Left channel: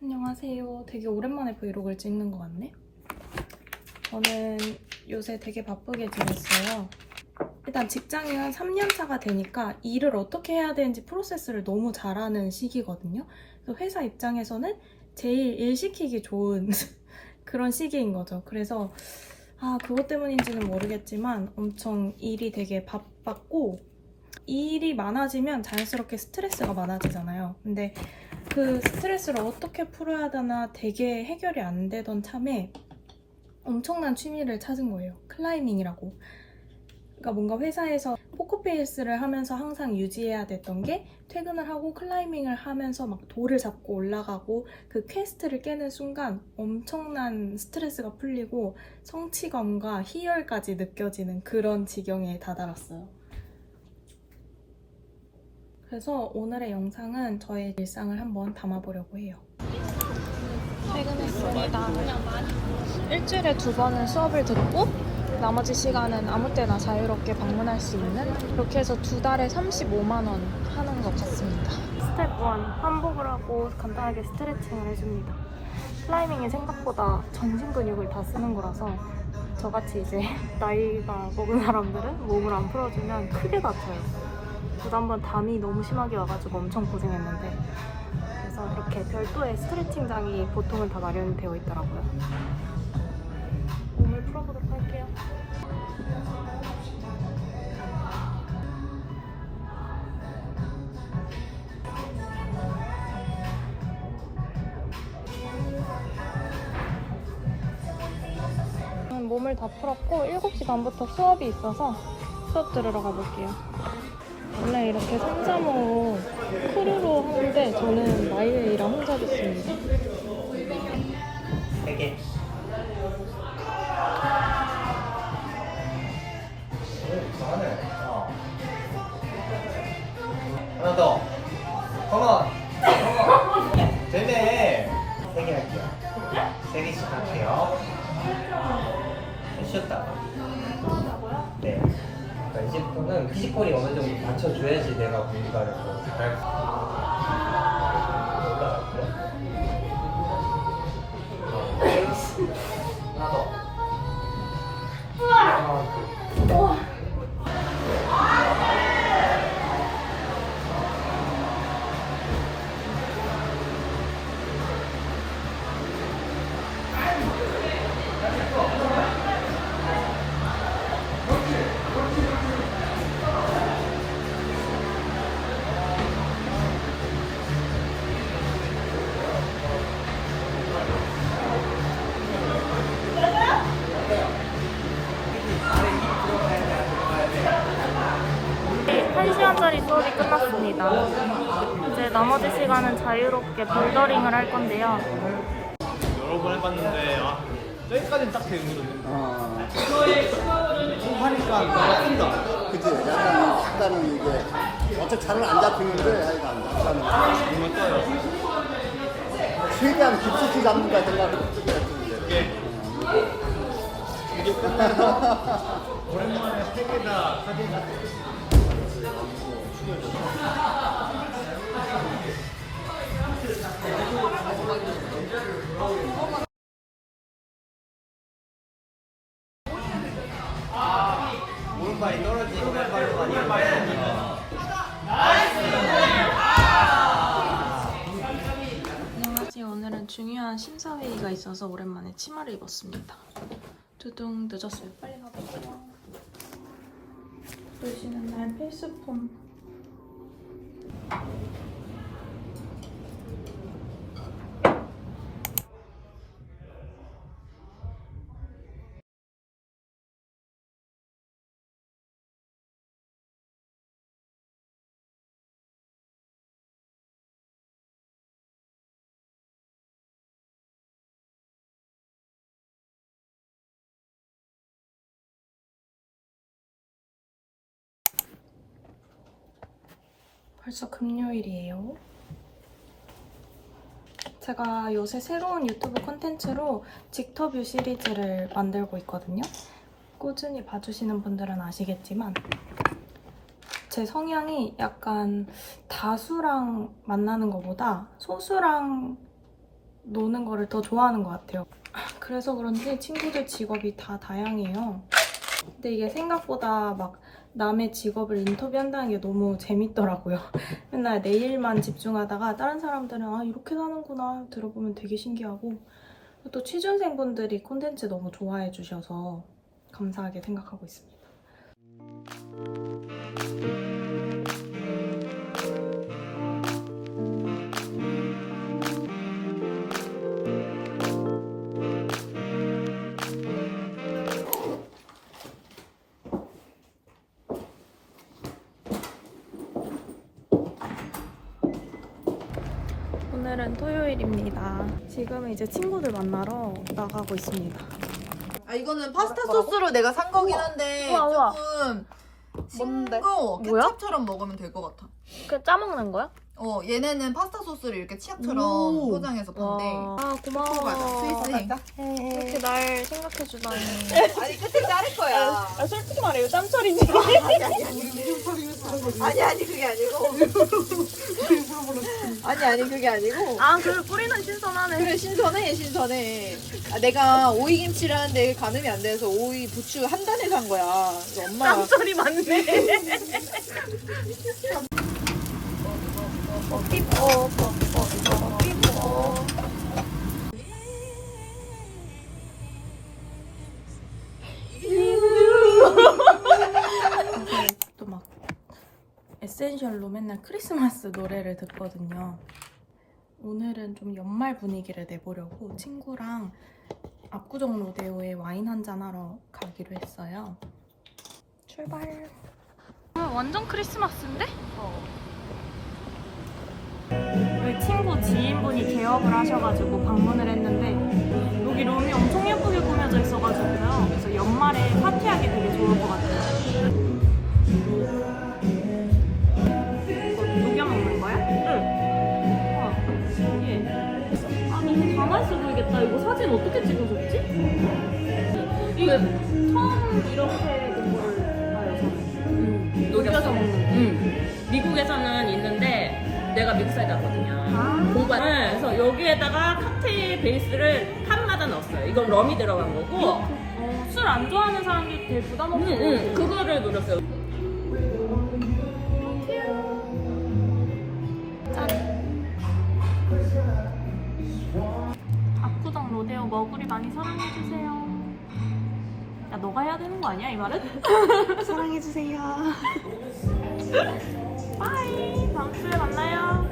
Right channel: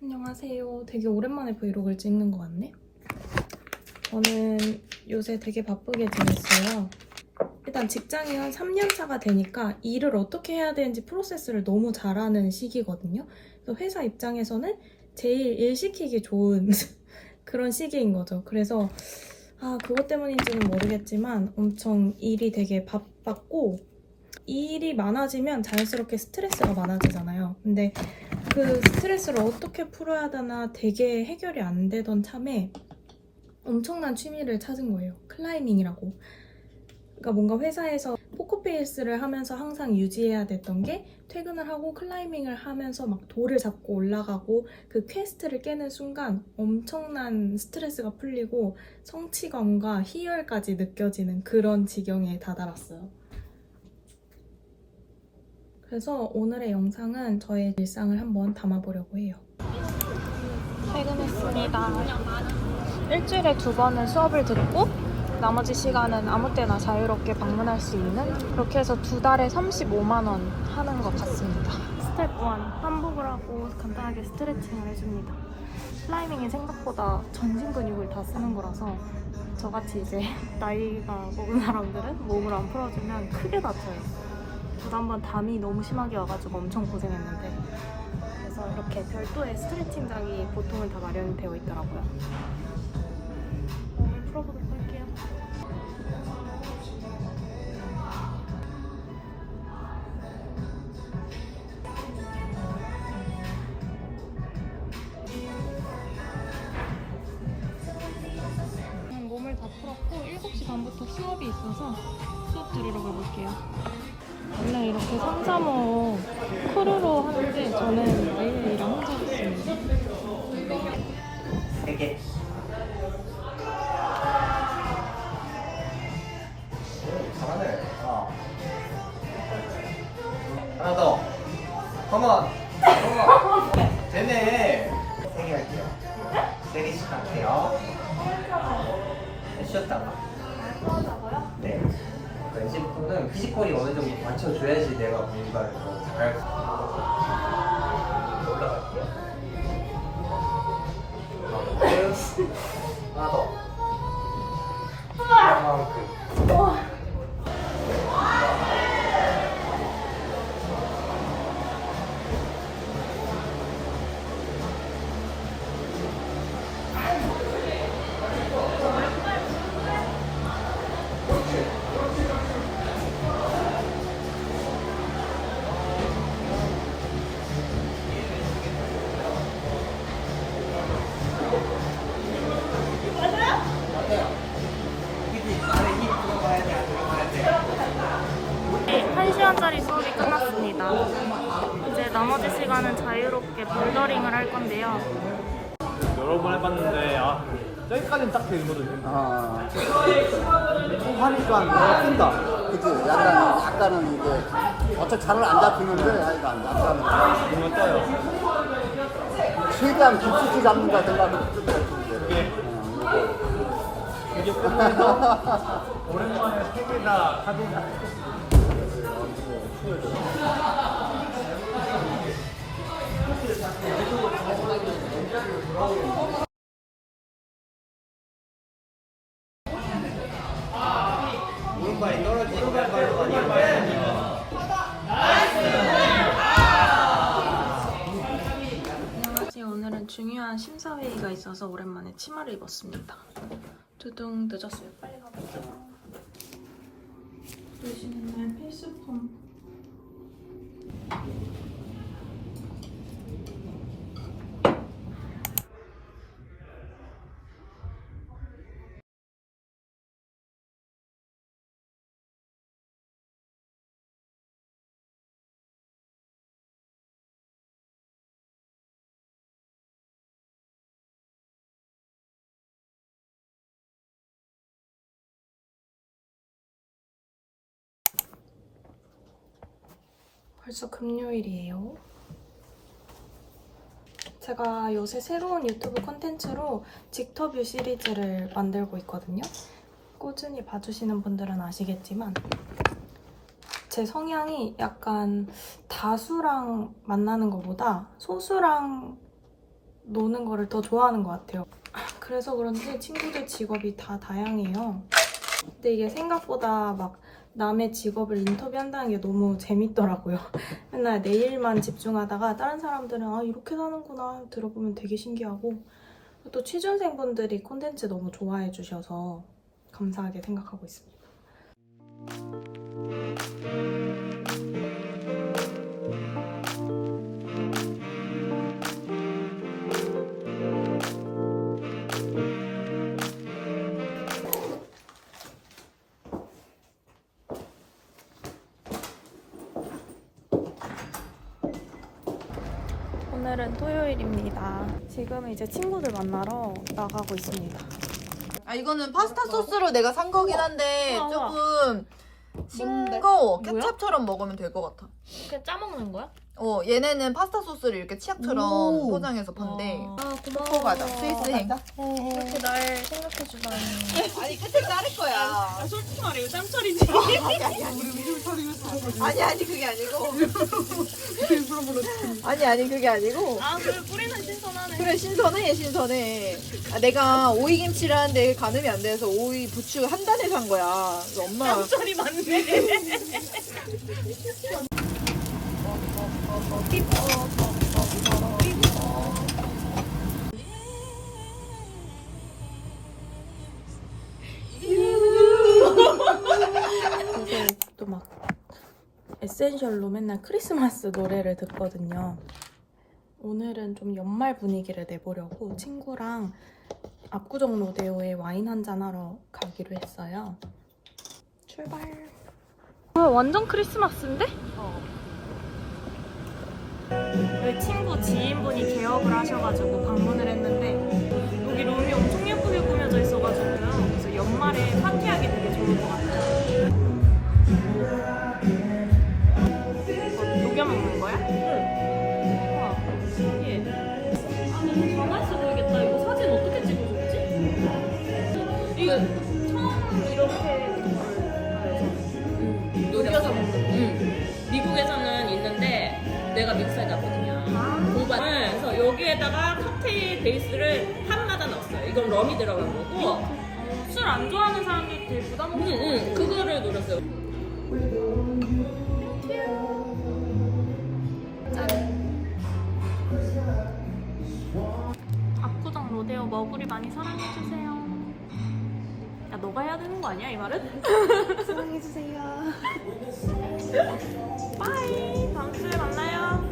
안녕하세요. 되게 오랜만에 브이로그를 찍는 것 같네. 저는 요새 되게 바쁘게 지냈어요. 일단 직장이 한 3년 차가 되니까 일을 어떻게 해야 되는지 프로세스를 너무 잘하는 시기거든요. 그래서 회사 입장에서는 제일 일 시키기 좋은 그런 시기인 거죠. 그래서 그것 때문인지는 모르겠지만 엄청 일이 되게 바빴고, 일이 많아지면 자연스럽게 스트레스가 많아지잖아요. 근데 그 스트레스를 어떻게 풀어야 되나 되게 해결이 안 되던 참에 엄청난 취미를 찾은 거예요. 클라이밍이라고. 그러니까 뭔가 회사에서 포커페이스를 하면서 항상 유지해야 됐던 게 퇴근을 하고 클라이밍을 하면서 막 돌을 잡고 올라가고 그 퀘스트를 깨는 순간 엄청난 스트레스가 풀리고 성취감과 희열까지 느껴지는 그런 지경에 다다랐어요. 그래서 오늘의 영상은 저의 일상을 한번 담아보려고 해요. 퇴근했습니다. 일주일에 2번은 수업을 듣고 나머지 시간은 아무 때나 자유롭게 방문할 수 있는, 그렇게 해서 2달에 35만 원 하는 것 같습니다. 스텝 1, 환복을 하고 간단하게 스트레칭을 해줍니다. 클라이밍이 생각보다 전신 근육을 다 쓰는 거라서 저같이 이제 나이가 먹은 사람들은 몸을 안 풀어주면 크게 다쳐요. 저도 한번 담이 너무 심하게 와가지고 엄청 고생했는데, 그래서 이렇게 별도의 스트레칭장이 보통은 다 마련되어 있더라고요. 몸을 풀어보도록 할게요. 몸을 다 풀었고 7시 반부터 수업이 있어서 수업 들으러 가볼게요. 원래 이렇게 3, 3, 5 크루로 하는데 저는 마이웨이랑 혼자 듣습니다. 3개. 잘하네. 하나 더. 컴온. 되네. 3개 할게요. 3개씩 할게요. 쉬었다가. 네. 20분은 피지컬이 어느 정도 받쳐줘야지 내가 공부가 잘 올라갈게요. 하나 더. 이만큼. 네, 1시간짜리 수업이 끝났습니다. 이제 나머지 시간은 자유롭게 볼더링을 할 건데요. 여러 번 해봤는데 저기까지는 딱 되거든요. 하니까 뭔가 뜬다. 그치, 약간은 이제 어차피 잘은 안 잡히는데 하니까 안 잡혀. 뭔가 떠요. 최대한 깊숙이 잡는다 생각을 이게 끝나서 오랜만에 3개 다 사진 다 오른발이 떨어지고 왼발로 많이 안녕하세요. 오늘은 중요한 심사회의가 있어서 오랜만에 치마를 입었습니다. 두둥 늦었어요. 빨리 가볼게요. 보시는 날 필수품. 벌써 금요일이에요. 제가 요새 새로운 유튜브 콘텐츠로 직터뷰 시리즈를 만들고 있거든요. 꾸준히 봐주시는 분들은 아시겠지만 제 성향이 약간 다수랑 만나는 것보다 소수랑 노는 거를 더 좋아하는 것 같아요. 그래서 그런지 친구들 직업이 다 다양해요. 근데 이게 생각보다 막 남의 직업을 인터뷰한다는 게 너무 재밌더라고요. 맨날 내 일만 집중하다가 다른 사람들은 아 이렇게 사는구나 들어보면 되게 신기하고 또 취준생분들이 콘텐츠 너무 좋아해 주셔서 감사하게 생각하고 있습니다. 오늘은 토요일입니다. 지금은 이제 친구들 만나러 나가고 있습니다. 아 이거는 파스타 소스로 내가 산 거긴 한데 우와, 우와. 조금 뭔데? 싱거 뭐야? 케찹처럼 먹으면 될 것 같아. 그냥 짜먹는 거야? 얘네는 파스타 소스를 이렇게 치약처럼 오. 포장해서 판대. 아 고마워. 초코과자, 스위스행. 이렇게 날 생각해주다니. 아니 끝에 자를 거야. 솔직히 말해 이거 짬철이지. 아니 그게 아니고. 아니 그게 아니고. 아 그래 뿌리는 신선하네. 그래 신선해. 아, 내가 오이김치를 하는데 가늠이 안 돼서 오이 부추 한 단에 산 거야. 그래서 엄마가 짬철이 많네. 요새 또 막 에센셜로 맨날 크리스마스 노래를 듣거든요. 오늘은 좀 연말 분위기를 내보려고 친구랑 압구정 로데오에 와인 한잔 하러 가기로 했어요. 출발. 완전 크리스마스인데? 여기 친구 지인분이 개업을 하셔가지고 방문을 했는데 여기 룸이 엄청 예쁘게 꾸며져 있어가지고요. 그래서 연말에 파티하기 되게 좋을 것 같아요. 이거 녹여 먹는 거야? 응. 우와, 신기해. 아, 너무 가만있어 보이겠다. 이거 사진 어떻게 찍어줬지? 이거 처음 이렇게 된 거를 봐요, 저는. 녹여서 먹는 거. 미국에서는 있는데 내가 믹스하게 하거든요. 공부할 그래서 여기에다가 칵테일 베이스를 판마다 넣었어요. 이건 럼이 들어간 거고. 술 안 좋아하는 사람들이 되게 부담 없을 것 같아요. 그거를 노렸어요. 압구정 로데오 머구리 많이 사랑해주세요. 야, 너가 해야 되는 거 아니야, 이 말은? 사랑해주세요. 빠이! 다음 주에 만나요.